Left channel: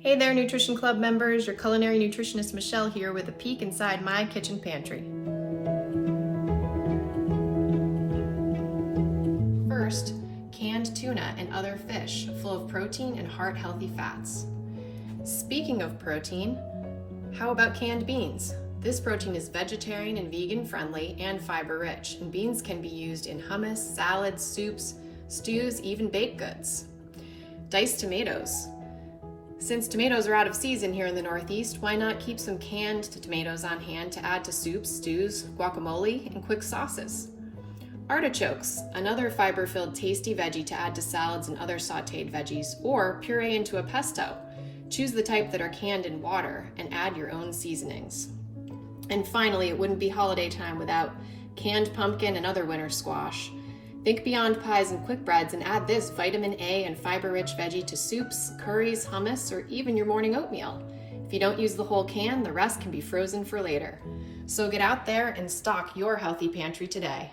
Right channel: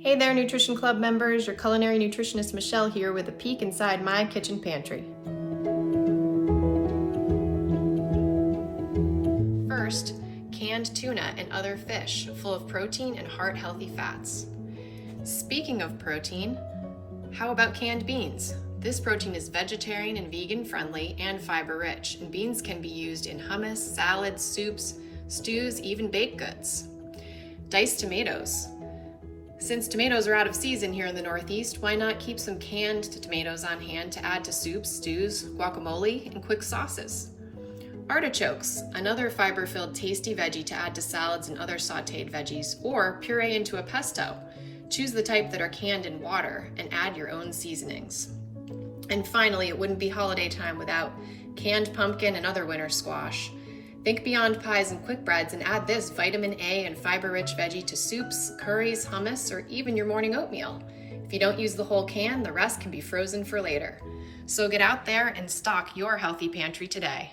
Hey there, Nutrition Club members. Your culinary nutritionist Michelle here with a peek inside my kitchen pantry. First, canned tuna and other fish full of protein and heart-healthy fats. Speaking of protein, how about canned beans? This protein is vegetarian and vegan friendly and fiber rich, and beans can be used in hummus, salads, soups, stews, even baked goods. Diced tomatoes. Since tomatoes are out of season here in the Northeast, why not keep some canned tomatoes on hand to add to soups, stews, guacamole, and quick sauces? Artichokes, another fiber-filled tasty veggie to add to salads and other sauteed veggies, or puree into a pesto. Choose the type that are canned in water and add your own seasonings. And finally, it wouldn't be holiday time without canned pumpkin and other winter squash. Think beyond pies and quick breads and add this vitamin A and fiber-rich veggie to soups, curries, hummus, or even your morning oatmeal. If you don't use the whole can, the rest can be frozen for later. So get out there and stock your healthy pantry today.